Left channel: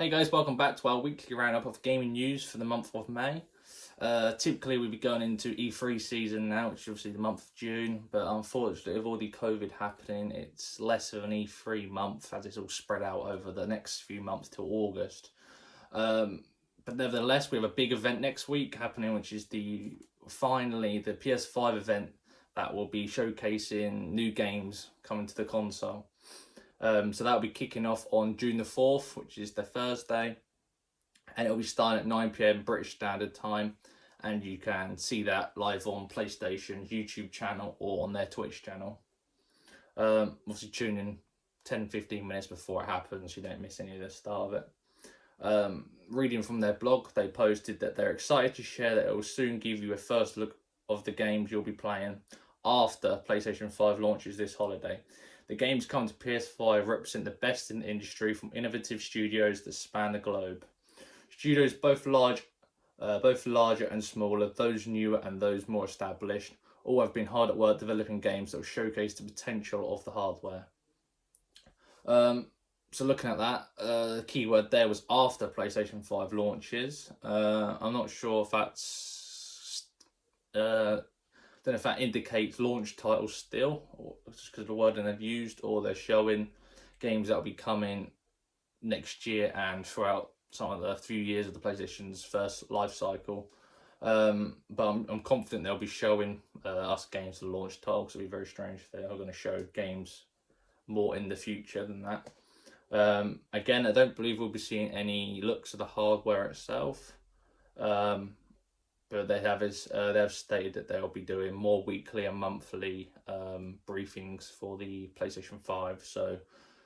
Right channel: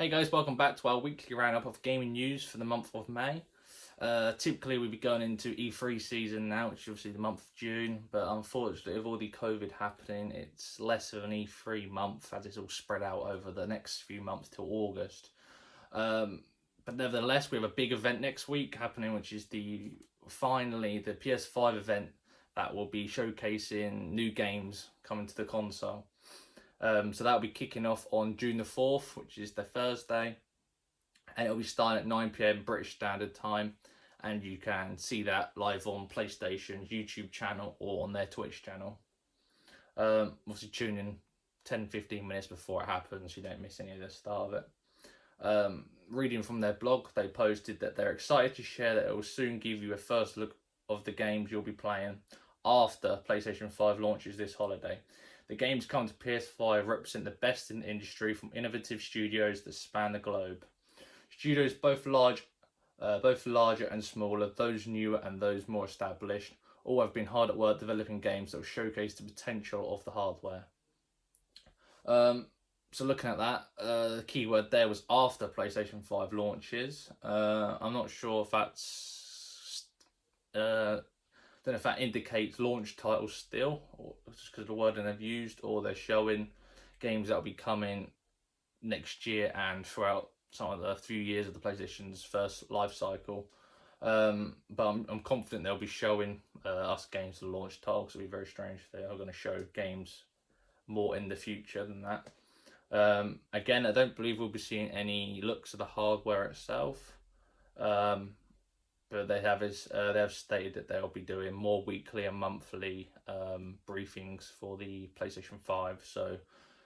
Hey guys, welcome back to our weekly roundup of gaming news for the month of May. Typically we'd be going into E3 season now, which is obviously the month of June, but unfortunately with all the COVID happening, it's less of an E3 month as it's all spread out over the next few months till August. But nevertheless, we have a big event next week happening, which is finally the PS5 event that will be showcasing new games coming to the console. So that'll be kicking off on June the 4th, which is the Thursday, and it'll be starting at 9 PM British Standard Time, and you can see that live on PlayStation's YouTube channel or on their Twitch channel. Obviously tune in 10-15 minutes before it happens so you don't miss any of the start of it. Reading from their blog, they posted that they're excited to share that it will soon give you a first look of the games you'll be playing after PlayStation 5 launches this holiday. The games coming to PS5 represent the best in the industry from innovative studios that span the globe. Studios both larger and smaller, those newer and those more established, all have been hard at work developing games that will showcase the potential of the hardware. So looking at that, the keyword there was after PlayStation 5 launches. I'm not sure if that's... don't know if that indicates launch titles still, or just because of the wording they've used, or they're showing games that'll be coming next year and throughout some of the few years of the PlayStation's first life cycle. But I'm confident they'll be showing us games for the launch title, because it'll be very strange if they are going to show games more in the future than that. Again, I don't believe we'll be seeing any looks of the hardware itself. But they have stated that they'll be doing more weekly and monthly briefings for the PlayStation 5, so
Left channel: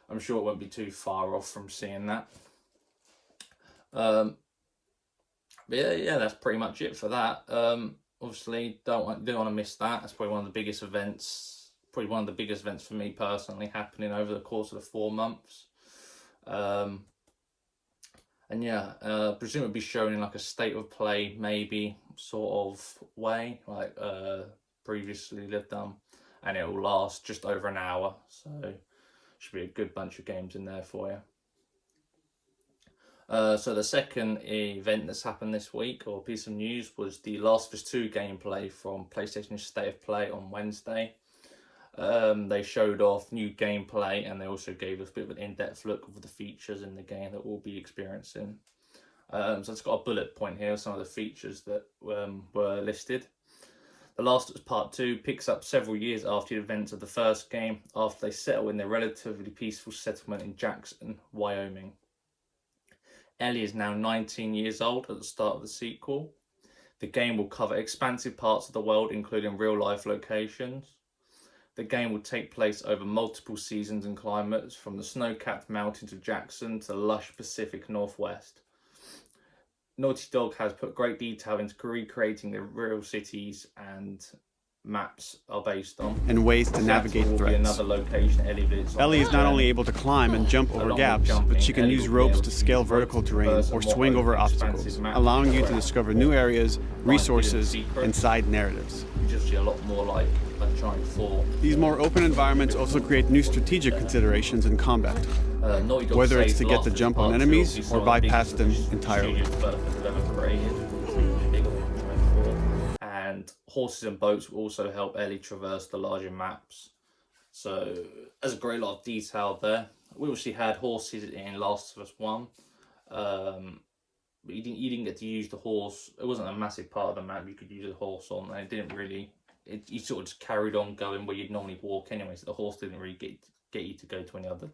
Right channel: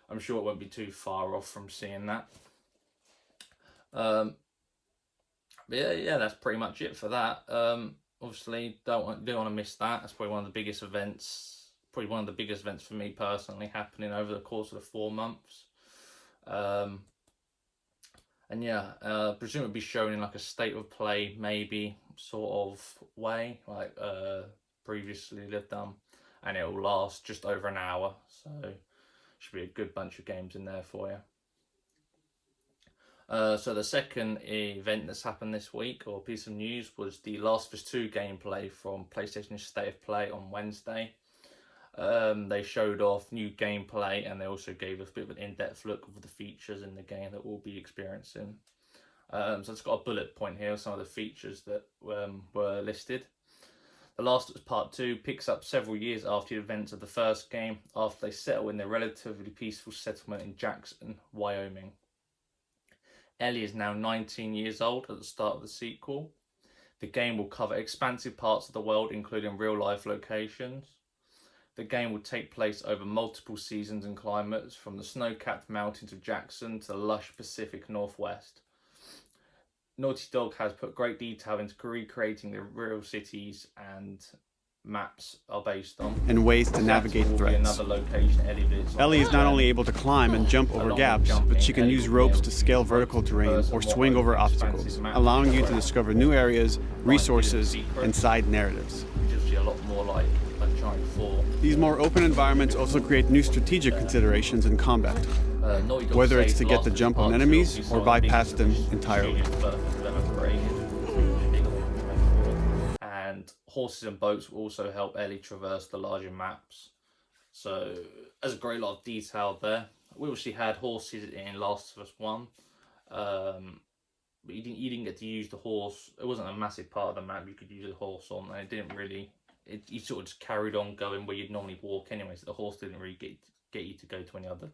I'm sure it won't be too far off from seeing that. But yeah, that's pretty much it for that. Obviously, don't want to miss that. That's probably one of the biggest events, for me personally, happening over the course of the 4 months. And yeah, presume it'll be shown in like a state of play, maybe sort of way, like previously they've done, and it'll last just over an hour, so should be a good bunch of games in there for you. So the second event that's happened this week, or piece of news, was the Last of Us 2 gameplay from PlayStation's State of Play on Wednesday. They showed off new gameplay, and they also gave us a bit of an in-depth look of the features in the game that we'll be experiencing. So it's got a bullet point here, some of the features that were listed. The Last of Us Part 2 picks up several years after the events of the first game, after they settle in their relatively peaceful settlement in Jackson, Wyoming. Ellie is now 19 years old at the start of the sequel. The game will cover expansive parts of the world, including real-life locations. The game will take place over multiple seasons and climates, from the snow-capped mountains of Jackson to the lush Pacific Northwest. Naughty Dog has put great detail into recreating the real cities and maps are based on, and ways to navigate threats. Ellie is not only able to climb and jump over gaps, but she can use ropes to scale vertical terrain or swing over obstacles, allowing you to discover new areas, resources, and side narratives. These more open environments also create new strategic considerations in combat, whether it's to get the jump on enemies or bypass them entirely. And horses and boats will also help Ellie traverse the larger maps. So there's a great lot of detail there. We obviously had horses in Last of Us 1. But you didn't get to use the horse. It wasn't a massive part of the map you could use a horse on, and it didn't really... you sort of just carried on going where you'd normally walk anyway, so the horse didn't really get you to go to any other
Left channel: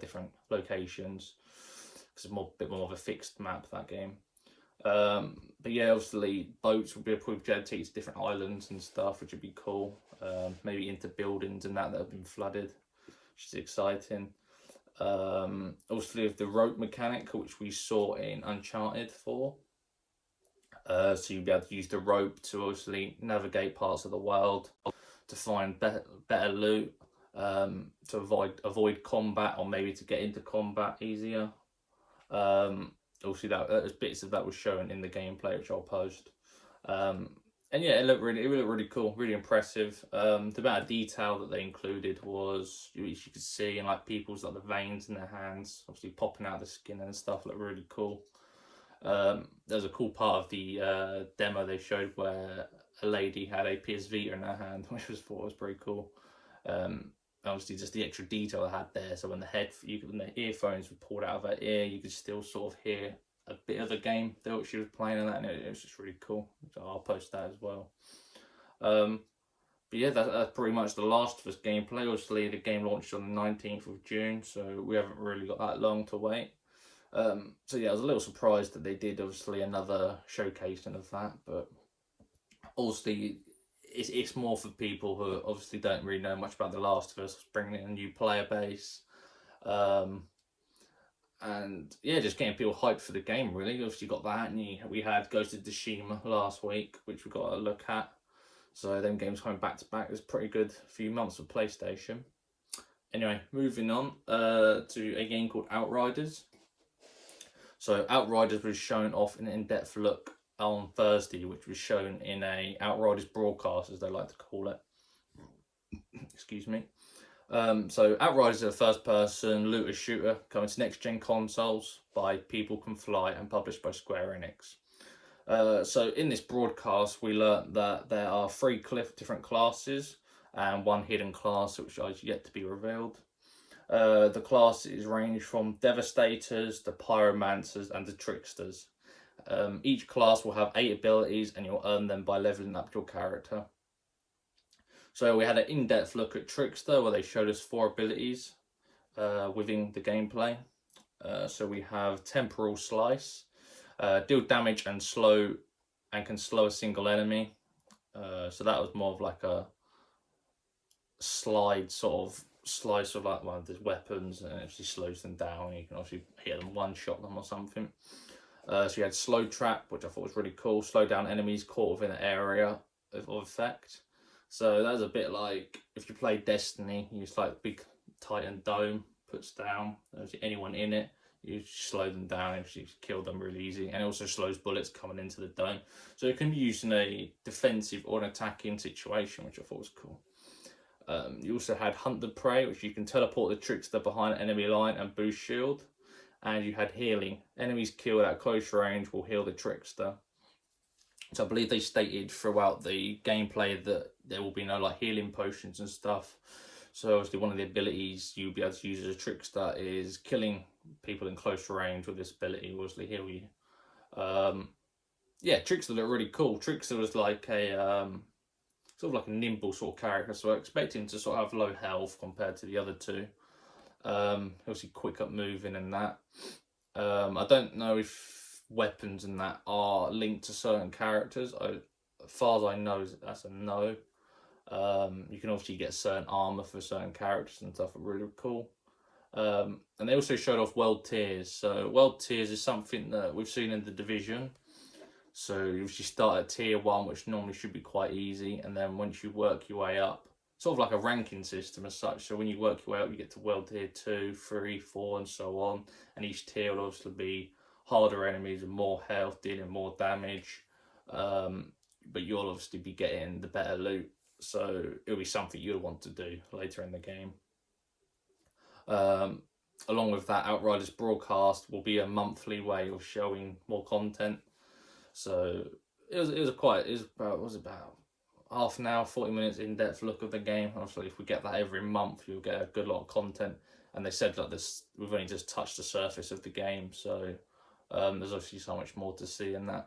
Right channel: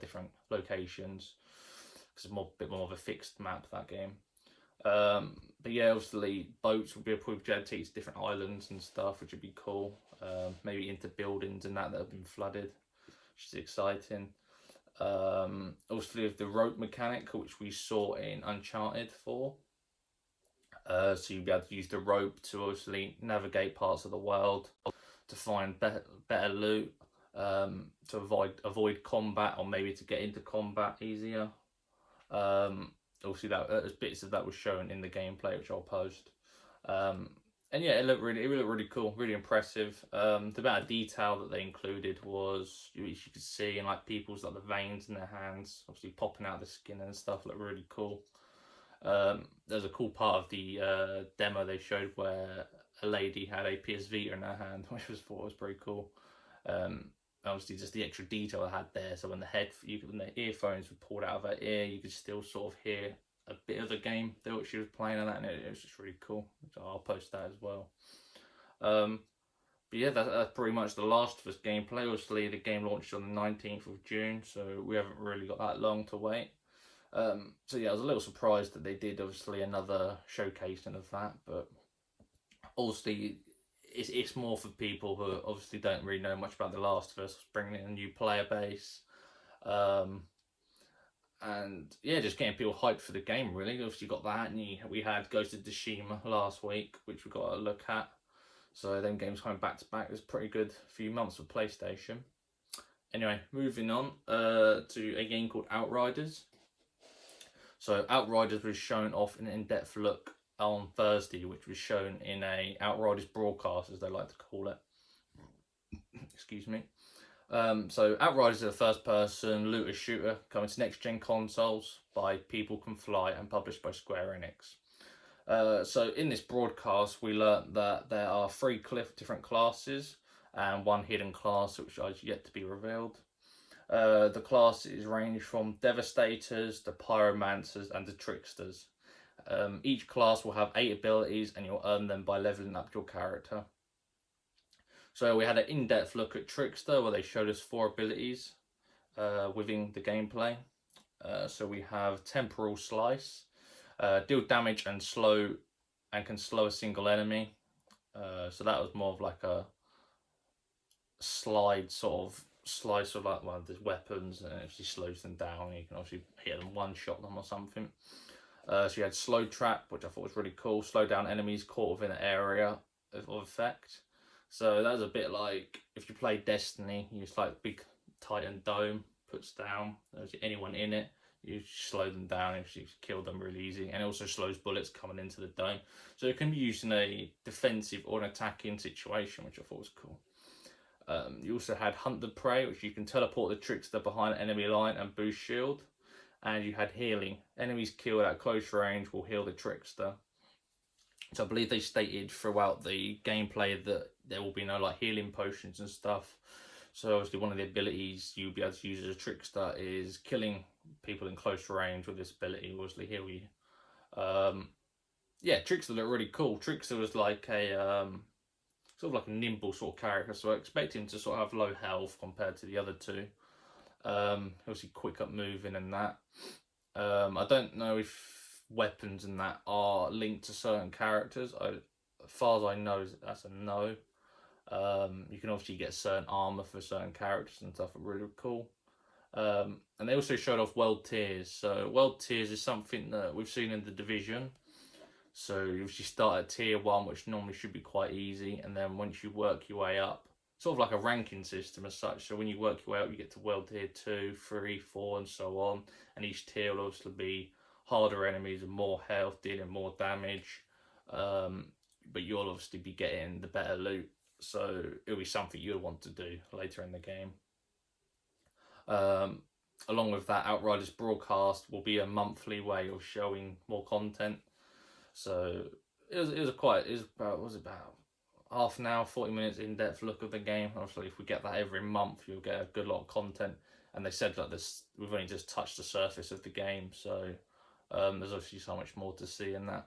different locations, because it's a bit more of a fixed map, that game. But yeah, obviously boats would be probably able to take you to different islands and stuff, which would be cool. Maybe into buildings and that have been flooded, which is exciting. Obviously with the rope mechanic, which we saw in Uncharted 4. So you'll be able to use the rope to obviously navigate parts of the world, to find better loot, to avoid combat, or maybe to get into combat easier. Obviously, that bits of that was shown in the gameplay, which I'll post. And yeah, it looked really cool, really impressive. The amount of detail that they included was, you could see in like people's like the veins in their hands, obviously popping out of the skin and stuff, looked really cool. There's a cool part of the demo they showed where a lady had a PS Vita in her hand, which was pretty cool. Obviously, just the extra detail I had there. So when when the earphones were pulled out of her ear, you could still sort of hear a bit of the game that she was playing on that, and it was just really cool. So I'll post that as well. But yeah, that's pretty much the Last of Us gameplay. Obviously, the game launched on the 19th of June, so we haven't really got that long to wait. So yeah, I was a little surprised that they did obviously another showcasing of that, but obviously it's more for people who obviously don't really know much about The Last of Us, bringing in a new player base. And yeah, just getting people hyped for the game, really. Obviously, you got that, and we had Ghost of Tsushima last week, which we got a look at. So, them games coming back to back. It was a pretty good few months for PlayStation. Anyway, moving on to a game called Outriders. So, Outriders was shown off in an in-depth look on Thursday, which was shown in a Outriders broadcast, as they like to call it. Excuse me. So Outriders is a first-person looter shooter coming to next-gen consoles by People Can Fly and published by Square Enix. So in this broadcast, we learnt that there are 3 different classes and 1 hidden class which is yet to be revealed. The classes range from Devastators, the Pyromancers, and the Tricksters. Each class will have 8 abilities, and you'll earn them by leveling up your character. So we had an in-depth look at Trickster where they showed us 4 abilities within the gameplay. So we have Temporal Slice, deal damage and can slow a single enemy. So that was more of like a slice of like one of the weapons, and it actually slows them down. You can obviously hit them, one-shot them or something. So you had Slow Trap, which I thought was really cool. Slow down enemies caught within an area of effect. So that was a bit like if you play Destiny, you just like big Titan dome puts down anyone in it, you slow them down if you kill them really easy, and it also slows bullets coming into the dome. So it can be used in a defensive or an attacking situation, which I thought was cool. You also had Hunt the Prey, which you can teleport the Trickster behind an enemy line and boost shield. And you had Healing. Enemies killed at close range will heal the Trickster. So I believe they stated throughout the gameplay that there will be no like healing potions and stuff. So obviously one of the abilities you'll be able to use as a Trickster is killing people in close range with this ability will obviously heal you. Yeah, Trickster looked really cool. Trickster was like a sort of like a nimble sort of character, so I expect him to sort of have low health compared to the other 2. Obviously quick up moving and that. I don't know if weapons and that are linked to certain characters. As far as I know, that's a no. You can obviously get certain armor for certain characters and stuff. Really cool. And they also showed off world tiers. So world tiers is something that we've seen in the Division. So you usually start at tier 1, which normally should be quite easy, and then once you work your way up, sort of like a ranking system as such. So when you work your way up, you get to world tier 2, 3, 4, and so on. And each tier will obviously be harder enemies and more health, dealing more damage. But you'll obviously be getting the better loot. So it'll be something you'll want to do later in the game. Along with that, Outriders broadcast will be a monthly way of showing more content. So it was about half an hour, 40 minutes in-depth look of the game. Obviously, if we get that every month, you'll get a good lot of content. And they said that we've only just touched the surface of the game, so there's obviously so much more to see in that.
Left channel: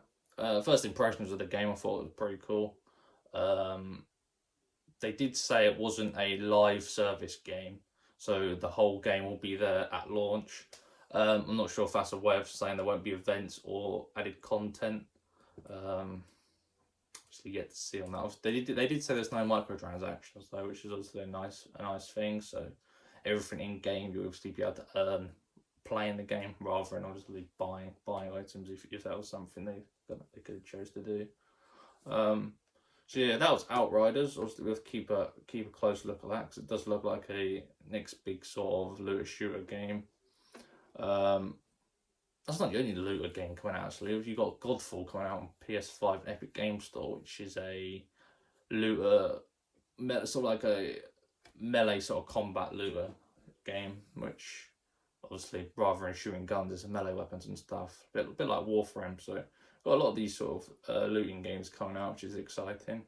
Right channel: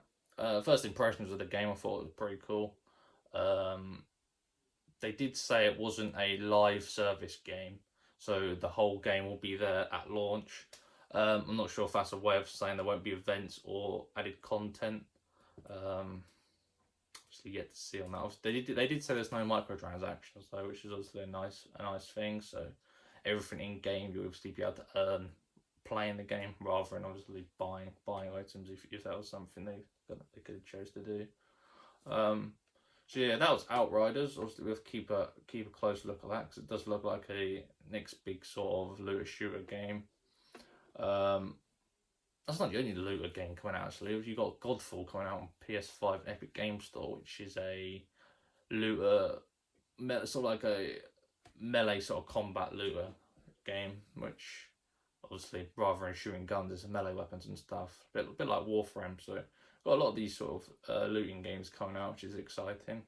First impressions of the game, I thought it was pretty cool. They did say it wasn't a live service game, so the whole game will be there at launch. I'm not sure if that's a way of saying there won't be events or added content. So you get to see on that. They did say there's no microtransactions though, which is obviously a nice thing. So everything in game you'll obviously be able to earn playing the game rather than obviously buying items if that was something they could have chose to do. So yeah, that was Outriders. Obviously we'll have to keep a close look at that because it does look like a next big sort of looter shooter game. that's not the only looter game coming out, actually. You've got Godfall coming out on PS5 Epic Game Store, which is a looter, sort of like a melee sort of combat looter game, which obviously rather than shooting guns, there's melee weapons and stuff. A bit like Warframe, so got a lot of these sort of looting games coming out, which is exciting.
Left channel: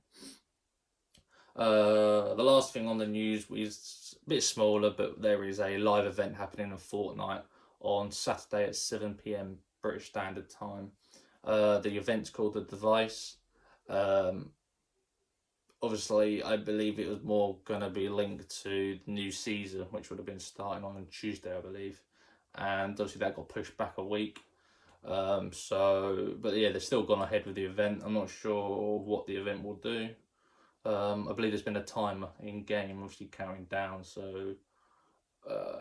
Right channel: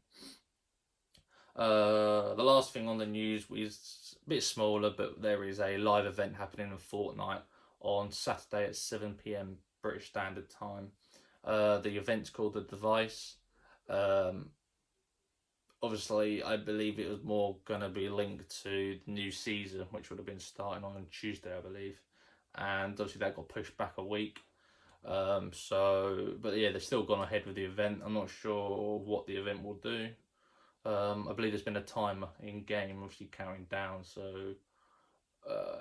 The last thing on the news is a bit smaller, but there is a live event happening in Fortnite on Saturday at 7 PM British Standard Time. The event's called The Device. Obviously, I believe it was more going to be linked to the new season, which would have been starting on Tuesday, I believe. And obviously that got pushed back a week. But yeah, they've still gone ahead with the event. I'm not sure what the event will do. I believe there's been a timer in game, obviously counting down. So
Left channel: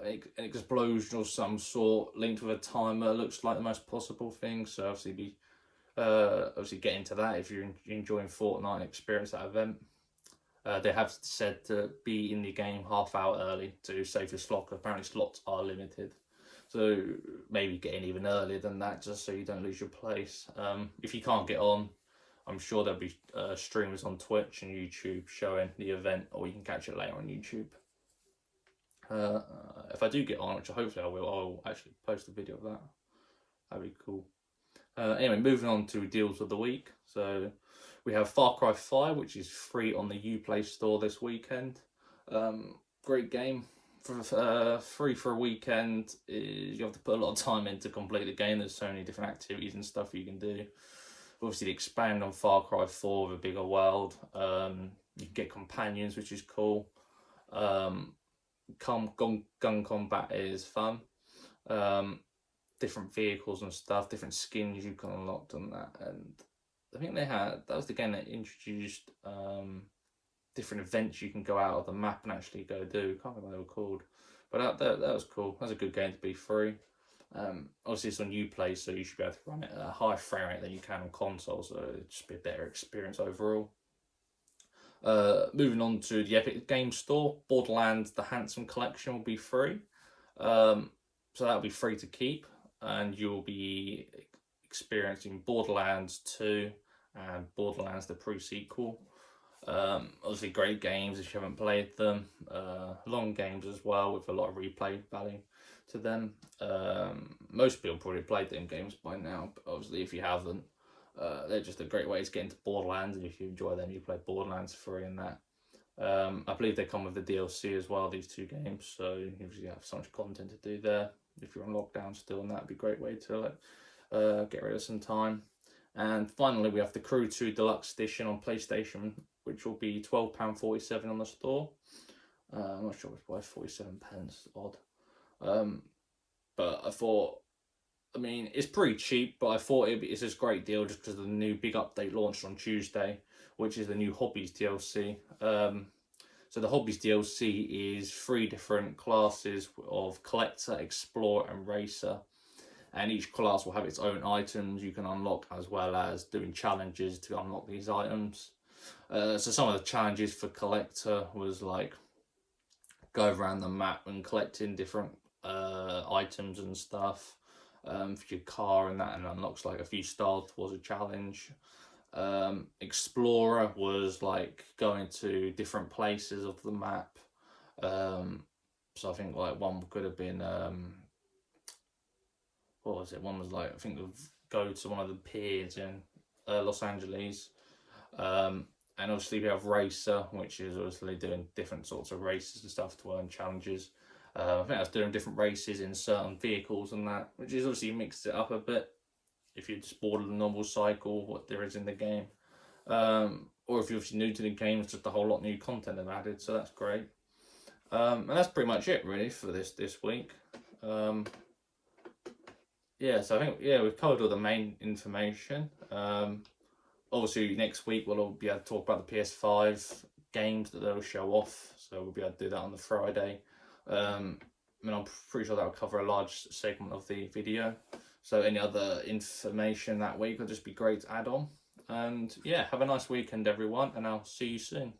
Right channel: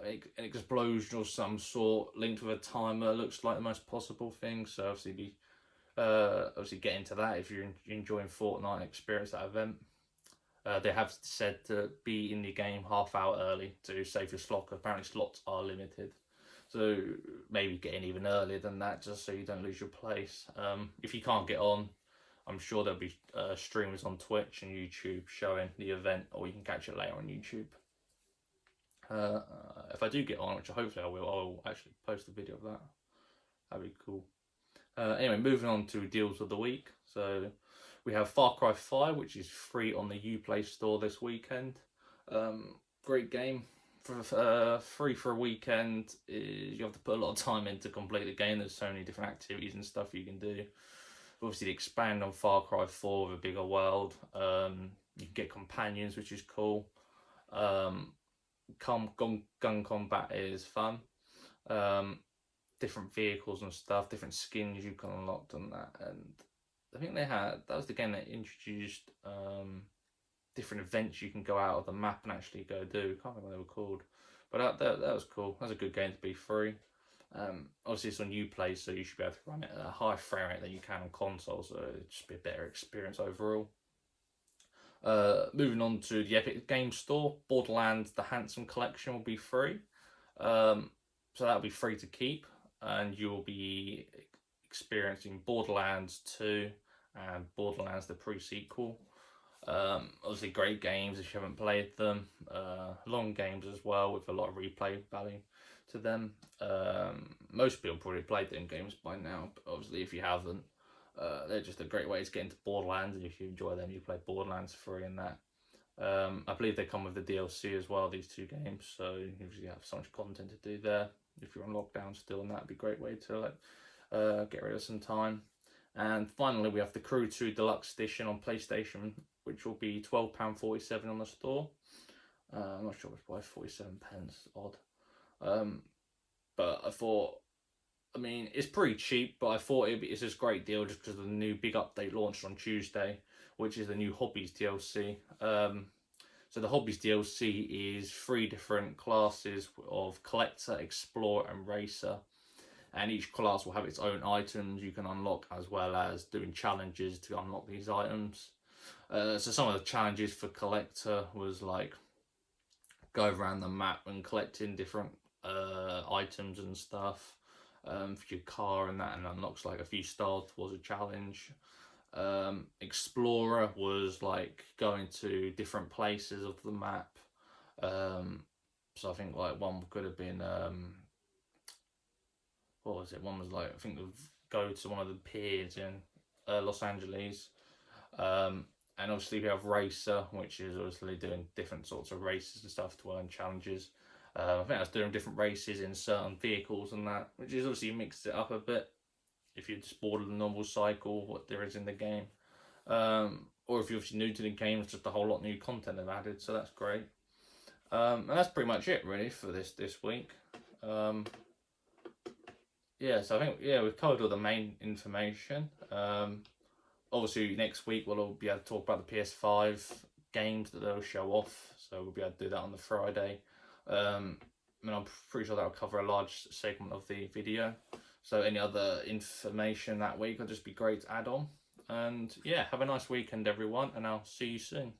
an explosion of some sort linked with a timer looks like the most possible thing. So obviously get into that if you're enjoying Fortnite and experience that event. They have said to be in the game half hour early to save your slot. Apparently slots are limited, so maybe get in even earlier than that just so you don't lose your place. If you can't get on, I'm sure there'll be streamers on Twitch and YouTube showing the event, or you can catch it later on YouTube. If I do get on, which hopefully I will, I'll actually post a video of that. That'd be cool. Anyway, moving on to deals of the week. So we have Far Cry 5, which is free on the Uplay store this weekend. Great game. Free for a weekend. You have to put a lot of time in to complete the game. There's so many different activities and stuff you can do. Obviously, expand on Far Cry 4 with a bigger world. You can get companions, which is cool. Gun combat is fun. Different vehicles and stuff, different skins you can unlock on that. And I think that was the game that introduced different events you can go out of the map and actually go do. Can't remember what they were called, but that was cool. That's a good game to be free. Obviously it's on Uplay, so you should be able to run it at a higher frame rate than you can on console, so it'll just be a better experience overall. Moving on to the Epic Game Store, Borderlands The Handsome Collection will be free. So that'll be free to keep, and you'll be experiencing Borderlands 2 and Borderlands the pre-sequel. Obviously great games if you haven't played them. Long games as well with a lot of replay value to them. Most people probably played them games by now, but obviously if you haven't, they're just a great way to get into Borderlands, and if you enjoy them, you play Borderlands free in that. I believe they come with the DLC as well, these two games, so you usually have so much content to do there. If you're on lockdown still, and that'd be a great way to get rid of some time. And finally, we have the Crew 2 Deluxe Edition on PlayStation, which will be £12.47 on the store. I'm not sure why 47 pence, odd. But I thought, I mean, it's pretty cheap, but I thought it's a great deal just because of the new big update launched on Tuesday, which is the new Hobbies DLC. So the Hobbies DLC is 3 different classes of Collector, Explorer and Racer. And each class will have its own items you can unlock, as well as doing challenges to unlock these items. So some of the challenges for Collector was like go around the map and collecting different items and stuff for your car and that, and unlocks like a few stars was a challenge. Explorer was like going to different places of the map. So I think like one could have been what was it? One was like, I think go to one of the piers in Los Angeles. And obviously we have Racer, which is obviously doing different sorts of races and stuff to earn challenges. I think that's doing different races in certain vehicles and that, which is obviously mixed it up a bit if you just board the normal cycle, what there is in the game. Or if you're obviously new to the game, it's just a whole lot of new content they've added, so that's great. And that's pretty much it really for this week. Yeah, so I think, we've covered all the main information. Obviously next week we'll be able to talk about the PS5 games that they'll show off, so we'll be able to do that on the Friday. I mean, I'm pretty sure that'll cover a large segment of the video, so any other information that week will just be great to add on. And yeah, have a nice weekend everyone, and I'll see you soon.